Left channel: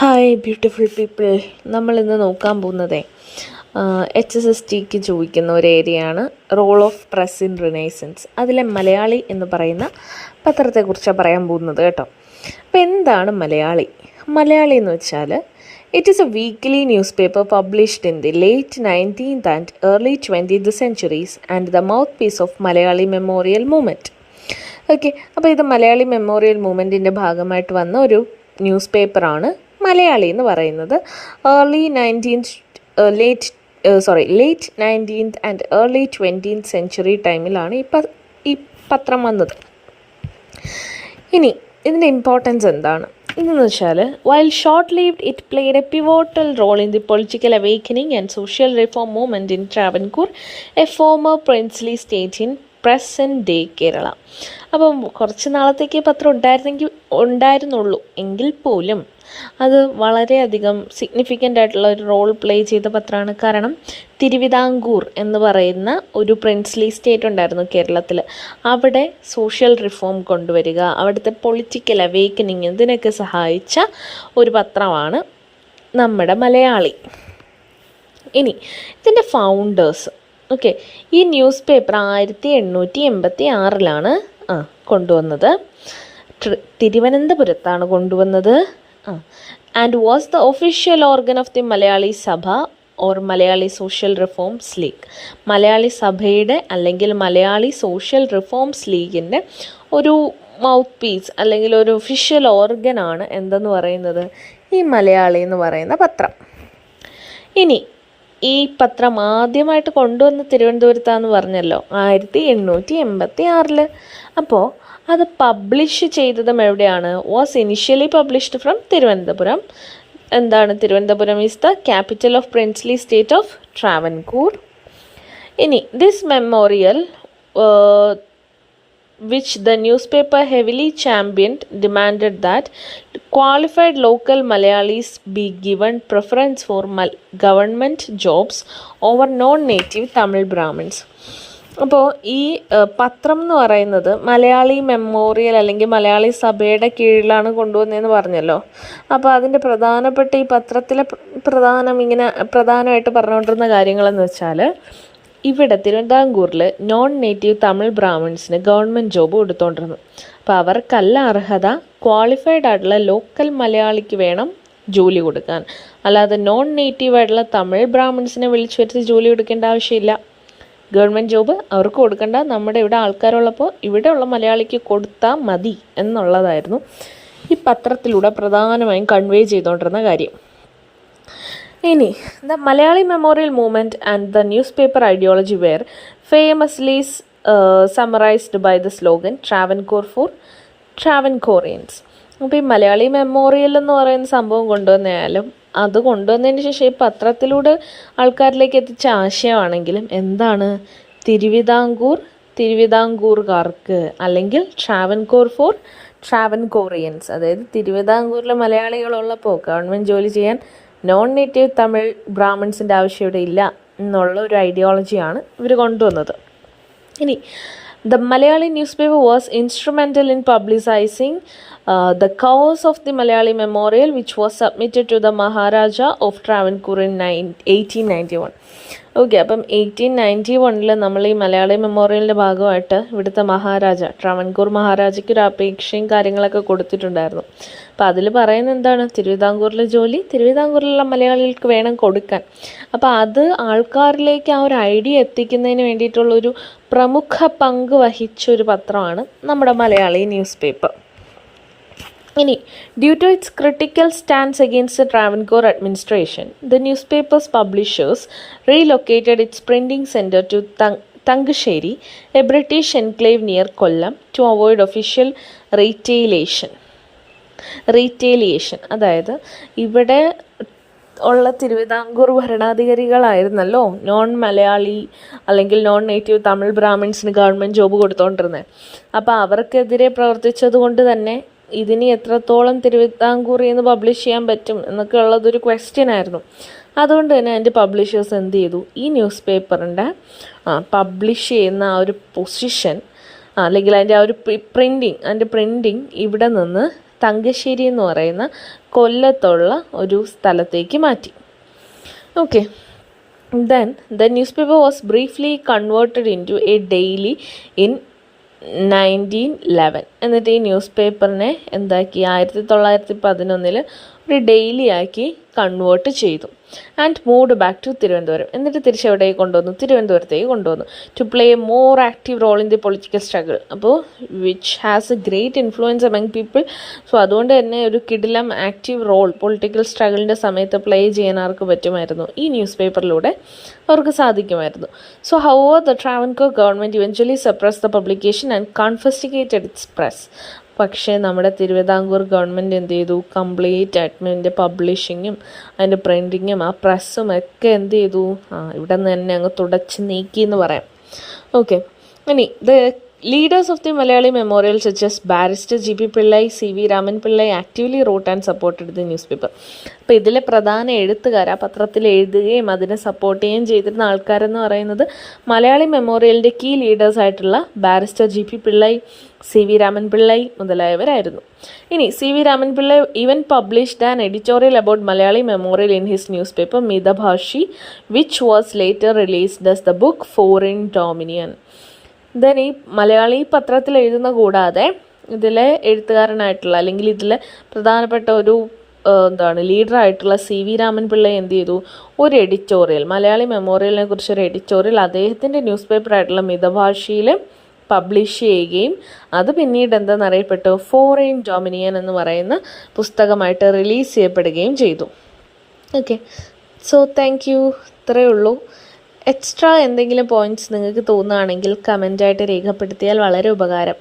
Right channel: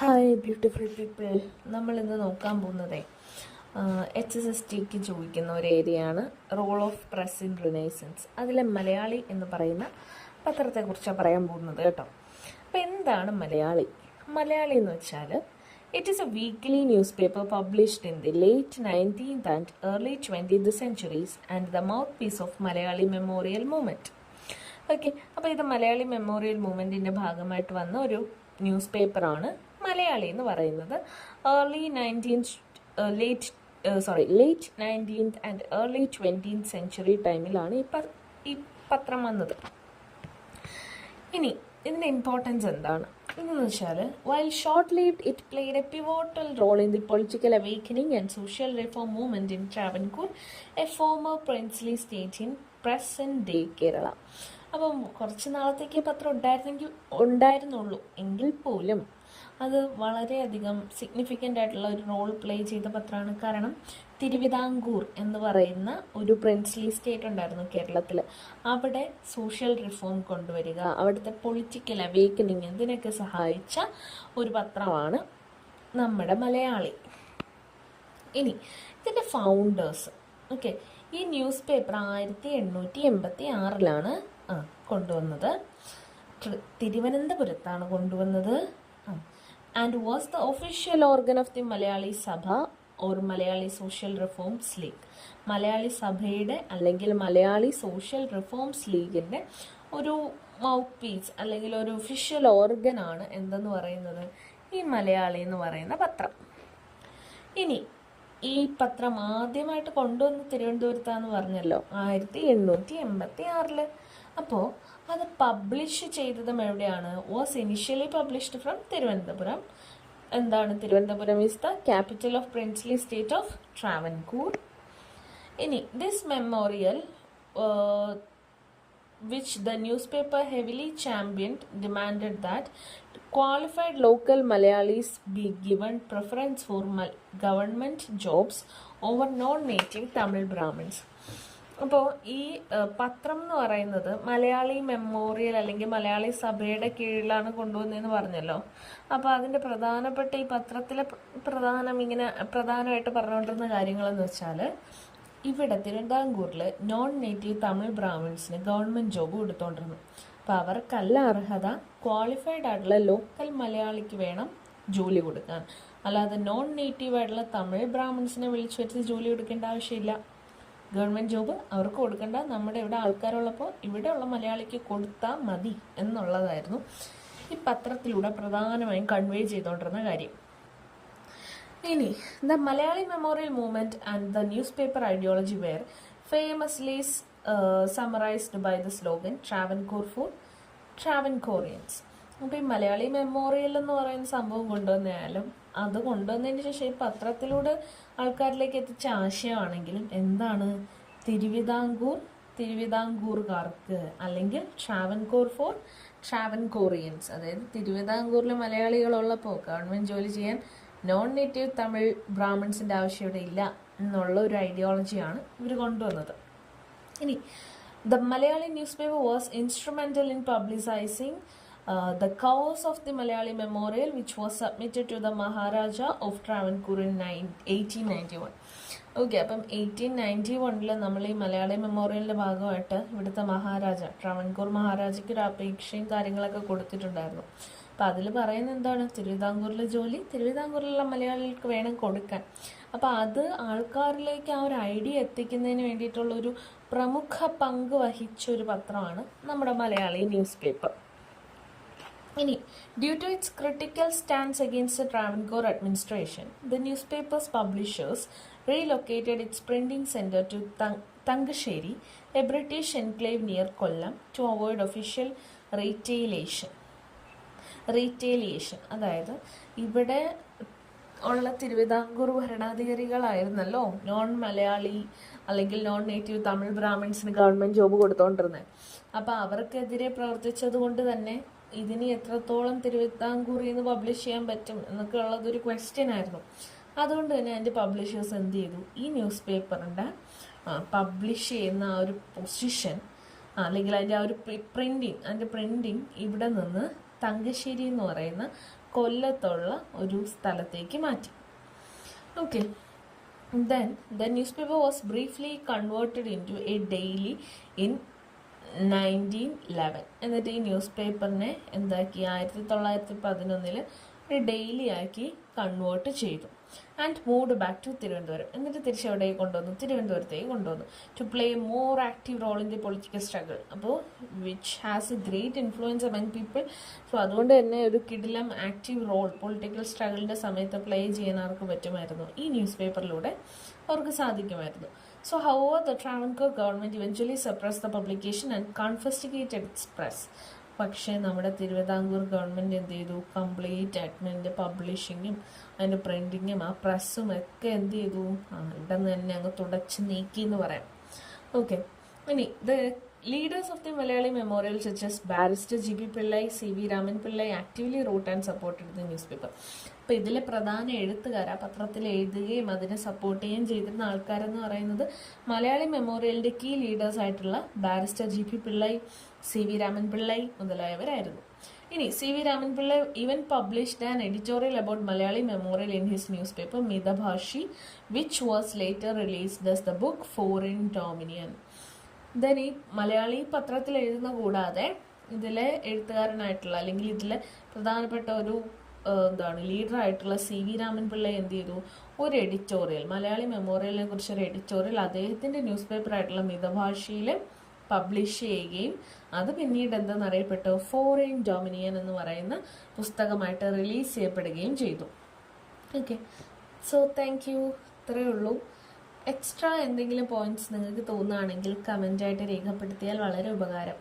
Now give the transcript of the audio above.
Hi beautiful people. നമ്മളിന്ന് നോക്കാൻ പോകുന്നത് HSSTക്ക് ചോദിക്കുന്ന ഒരു ഏരിയയാണ് role of press in renaissance. അതിലെ മലയാളി എന്ന് പറയുന്ന പത്രത്തെക്കുറിച്ചാണ് പറയാൻ പോകുന്നത് കേട്ടോ. അപ്പോൾ എന്താണ് മലയാളി? മലയാളി എന്ന് വെച്ചാൽ it is a weekly newspaper published in the late 19th and early 20th centuries and the mouthpiece of Malayali memorial movement. Okay, അപ്പോൾ ഇത് മലയാളി മെമ്മോറിയൽ മൂവ്മെൻറ്റിൻ്റെ ഭാഗമായിട്ട് വന്ന ഒരു ന്യൂസ് പേപ്പറാണ് മലയാളി എന്ന് പറയുന്നത്. Late 19th and early 20th century ടൈമിലാണ് ഈ പത്രം വന്നത്. ഇനി ഇതിൻ്റെ ഇമ്പോർട്ടൻസ് എന്താണ് ഇതെന്ന് വെച്ചാൽ, while short lived it played a pivotal role in the political awakening and social reform movement in Travancore, a former princely state in present day Kerala. അപ്പം കുറച്ച് നാളത്തേക്ക് പത്രം ഉണ്ടായിരുന്നുള്ളൂ എങ്കിൽ പോലും അത് വളരെയധികം സിഗ്നിഫിക്കൻ്റ് ആയിട്ടുള്ള ഒരു റോൾ പ്ലേ ചെയ്ത പത്രമാണ്. കാരണം തിരുവിതാംകൂർ എന്ന് പറയുന്ന ഒരു പ്രിൻസ്ലി സ്റ്റേറ്റ് ഉണ്ടായിരുന്നു കേരളത്തിൽ. അവിടെ സോഷ്യൽ റിഫോം കൊണ്ടുവരിക, അവിടുത്തെ പൊളിറ്റിക്കൽ അവേക്കനിങ് ഇതിനൊക്കെ സഹായിച്ച ഒരു പത്രമാണ് നമ്മുടെ മലയാളി. ഇനി ഇതിൻ്റെ ഫൗണ്ടേഴ്സ്. ഓക്കെ, ഈ ന്യൂസ് പേപ്പർ 1886 കൊണ്ടുവന്നത്. തിരുവനന്തപുരത്താണ് കൊണ്ടുവന്നത്. And was the official organ of the Malayali Sabha or Malayali social reforms league. Malayali സഭയുടെ അല്ലെങ്കിൽ മലയാളി സോഷ്യൽ റിഫോംസ് ലീഗിൻ്റെ ഒരു മൗത്ത് പീസ് അല്ലെങ്കിൽ ഒരു ഒഫീഷ്യൽ ഓർഗനാണ് എന്തെന്ന് പറയുന്നത് ഈ മലയാളി എന്ന് പറയുന്ന പത്രം. ഇനി ഈ പത്രം ആദ്യമായിട്ട് കൊണ്ടുവന്ന തിരുവനന്തപുരത്താന്ന് പറഞ്ഞല്ലോ, 1886. അപ്പോൾ അത് പബ്ലിഷ് ചെയ്തതും എവിടെയാണ്? Was initially published from Thiruvananthapuram. എന്താണ് Thiruvananthapuram? Is the capital of princely state of Travancore. ഇനി this memorial which the newspaper heavily championed demanded that qualified local Malayalis be given preference for government jobs over non-native Tamil Brahmins. അപ്പോൾ ഈ പത്രം എന്ന് പറയുന്നത് Malayali memorial അല്ലെങ്കിൽ മലയാളി സഭയുടെ കീഴിലാണ് കൊണ്ടുവന്നതെന്ന് പറഞ്ഞല്ലോ. അപ്പോൾ അതിൻ്റെ പ്രധാനപ്പെട്ട ഈ പത്രത്തിലെ പ്രധാനമായിട്ട് പറഞ്ഞുകൊണ്ടിരുന്ന കാര്യങ്ങളെന്ന് വെച്ചാൽ, ഇവിടെ തിരുവിതാംകൂറിൽ നോൺ നേറ്റീവ് തമിഴ് ബ്രാഹ്മിൺസിന് ഗവൺമെൻറ് ജോബ് കൊടുത്തുകൊണ്ടിരുന്നു. അപ്പോൾ അവർക്കല്ല അർഹത, ക്വാളിഫൈഡ് ആയിട്ടുള്ള ലോക്കൽ മലയാളിക്ക് വേണം ജോലി കൊടുക്കാൻ. അല്ലാതെ നോൺ നേറ്റീവ് ആയിട്ടുള്ള തമിഴ് ബ്രാഹ്മിൺസിനെ വിളിച്ചു വരുത്തി ജോലി കൊടുക്കേണ്ട ആവശ്യമില്ല. ഗവൺമെൻറ് ജോബ് അവർക്ക് കൊടുക്കേണ്ട, നമ്മുടെ ഇവിടെ ആൾക്കാരുള്ളപ്പോൾ ഇവിടെയുള്ള മലയാളിക്ക് കൊടുത്താൽ മതി എന്നുള്ളതായിരുന്നു ഈ പത്രത്തിലൂടെ പ്രധാനമായും കൺവേ ചെയ്തുകൊണ്ടിരുന്ന കാര്യം. ഇനി the Malayali memorial movement and the newspaper ideology were famously summarised by the slogan Travancore for Travancoreans. അപ്പോൾ ഈ മലയാളി മെമ്മോറിയൽ എന്ന് പറയുന്ന സംഭവം കൊണ്ടുവന്നാലും അത് കൊണ്ടുവന്നതിന് ശേഷം ഈ പത്രത്തിലൂടെ ആൾക്കാരിലേക്ക് എത്തിച്ച ആശയമാണെങ്കിലും എന്താണ്, തിരുവിതാംകൂറുകാർക്ക് അല്ലെങ്കിൽ ട്രാവൻകൂർ ഫോർ ട്രാവൻകോറിയൻസ്. അതായത് തിരുവിതാംകൂറിലെ മലയാളികളുള്ളപ്പോൾ ഗവൺമെൻറ് ജോലി ചെയ്യാൻ നോൺ നേറ്റീവ് തമിഴ് ബ്രാഹ്മിൺസിൻ്റെ ആവശ്യം ഇവിടെ ഇല്ല എന്നുള്ള ഒരു ഐഡിയോളജിയാണ് ഇവർ കൊണ്ടുവന്നത്. ഇനി the Malayali newspaper was instrumental in publicising the cause of the Malayali Memorial, which was submitted to the Maharaja of Travancore in 1891. Okay, അപ്പം 1891 നമ്മൾ ഈ മലയാളി മെമ്മോറിയലിൻ്റെ ഭാഗമായിട്ട് ഇവിടുത്തെ മഹാരാജ ട്രാവൻകൂർ മഹാരാജയ്ക്ക് ഒരു അപേക്ഷയും കാര്യങ്ങളൊക്കെ കൊടുത്തിട്ടുണ്ടായിരുന്നു. അപ്പോൾ അതിൽ പറയുന്നത് എന്താണ്, തിരുവിതാംകൂറിലെ ജോലി തിരുവിതാംകൂറിലുള്ള മലയാളികൾക്ക് വേണം കൊടുക്കാൻ. അപ്പോൾ അത് ആൾക്കാരിലേക്ക് ആ ഒരു ഐഡിയ എത്തിക്കുന്നതിന് വേണ്ടിയിട്ടുള്ളൊരു പ്രമുഖ പങ്ക് വഹിച്ചൊരു പത്രമാണ് നമ്മുടെ മലയാളി ന്യൂസ് പേപ്പർ. ഇനി due to its critical stands against the Travancore administration, the newspapers publishers relocated its printing centre to Thangassery, a British enclave near Kollam, to avoid official retaliation. അതായത് ഇവിടെ ഉള്ള തിരുവിതാംകൂർ ഭരണാധികാരികളായിരുന്നല്ലോ നോൺ മലയാളി അല്ലെങ്കിൽ നോൺ നേറ്റീവ് തമിഴ് ബ്രാഹ്മിൺസിന് ഗവൺമെൻറ് ജോബ് കൊടുത്തുകൊണ്ടിരുന്നത്. അപ്പോൾ അവർക്കെതിരെ പ്രവർത്തിച്ചത് കൊണ്ട് തന്നെ ഇതിന് എത്രത്തോളം തിരുവിതാംകൂറിൽ നിന്ന് പബ്ലിഷ് ചെയ്യാൻ പറ്റും എന്നൊക്കെ ഉള്ളതൊരു ക്വസ്റ്റ്യൻ ആയിരുന്നു. അതുകൊണ്ട് തന്നെ അതിൻ്റെ പബ്ലിഷേഴ്സ് എന്ത് ചെയ്തു, ഈ ന്യൂസ് പേപ്പറിൻ്റെ പബ്ലിഷ് ചെയ്യുന്ന ആ ഒരു പൊസിഷൻ അല്ലെങ്കിൽ അതിൻ്റെ ആ ഒരു പ്രിൻറ്റിങ് ഇവിടെ നിന്ന് തങ്കശ്ശേരി എന്ന് പറയുന്ന കൊല്ലത്തുള്ള ഒരു സ്ഥലത്തേക്ക് മാറ്റി. Okay, then the newspaper was briefly converted into a daily in 1911. എന്നിട്ട് ഈ ന്യൂസ് പേപ്പറിനെ എന്താക്കി 1911 ഒരു ഡെയിലി ആക്കി കൺവേർട്ട് ചെയ്തു. And moved back to Thiruvananthapuram. എന്നിട്ട് തിരിച്ചെവിടേക്ക് കൊണ്ടുവന്നു? തിരുവനന്തപുരത്തേക്ക് കൊണ്ടുവന്നു. To play a more active role in the political struggle. അപ്പോൾ which has a great influence among people. So അതുകൊണ്ട് തന്നെ ഒരു കിടിലം ആക്റ്റീവ് റോൾ പൊളിറ്റിക്കൽ സ്ട്രഗിളിൻ്റെ സമയത്ത് പ്ലേ ചെയ്യാൻ ആർക്ക് പറ്റുമായിരുന്നു? ഈ ന്യൂസ് പേപ്പറിലൂടെ അവർക്ക് സാധിക്കുമായിരുന്നു. So however the Travancore government eventually suppress the publication and confiscated its press. പക്ഷേ നമ്മുടെ തിരുവിതാംകൂർ ഗവൺമെൻറ് എന്ത് ചെയ്തു? കംപ്ലീറ്റ് അതിൻ്റെ പബ്ലിഷിങ്ങും അതിൻ്റെ പ്രിൻറ്റിങ്ങും ആ പ്രസ്സും ഒക്കെ എന്ത് ചെയ്തു? ഇവിടെ നിന്ന് തന്നെ അങ്ങ് തുടച്ച് നീക്കി എന്ന് പറയാം. ഓക്കെ, ഇനി the leaders of the Malayali memorial such ബാരിസ്റ്റർ G.P. Pillai, C.V. Raman Pillai actively wrote and supported the newspaper. അപ്പോൾ ഇതിലെ പ്രധാന എഴുത്തുകാർ, ആ പത്രത്തിൽ എഴുതുകയും അതിനെ സപ്പോർട്ട് ചെയ്യുകയും ചെയ്തിരുന്ന ആൾക്കാരെന്ന് പറയുന്നത് മലയാളി മെമ്മോറിയലിൻ്റെ കീ ലീഡേഴ്സായിട്ടുള്ള barrister G.P. Pillai, C.V. Raman Pillai മുതലായവരായിരുന്നു. ഇനി C.V. Raman Pillai even published an editorial about Malayali memorial in his news paper Mithabhashi, which was later released as the book foreign dominion. Then ഈ മലയാളി പത്രത്തിൽ എഴുതുന്ന കൂടാതെ ഇതിലെ എഴുത്തുകാരനായിട്ടുള്ള അല്ലെങ്കിൽ ഇതിലെ പ്രധാനപ്പെട്ട ഒരു ലീഡറായിട്ടുള്ള C.V. രാമൻ പിള്ളൈ എന്ത് ചെയ്തു? ഒരു എഡിറ്റോറിയൽ, മലയാളി മെമ്മോറിയലിനെ കുറിച്ചൊരു എഡിറ്റോറിയൽ അദ്ദേഹത്തിൻ്റെ ന്യൂസ് പേപ്പറായിട്ടുള്ള മിതഭാഷയിൽ പബ്ലിഷ് ചെയ്യുകയും അത് പിന്നീട് എന്താണെന്നറിയപ്പെട്ടു? ഫോറിൻ ഡൊമിനിയൻ എന്ന് പറയുന്ന പുസ്തകമായിട്ട് റിലീസ് ചെയ്യപ്പെടുകയും ചെയ്തു. Okay, so thank you. ഇത്രയേ ഉള്ളൂ. എക്സ്ട്രാ എന്തെങ്കിലും പോയിൻറ്റ്സ് നിങ്ങൾക്ക് തോന്നുകയാണെങ്കിൽ കമൻറ്റായിട്ട് രേഖപ്പെടുത്തിയാൽ വളരെ ഉപകാരം.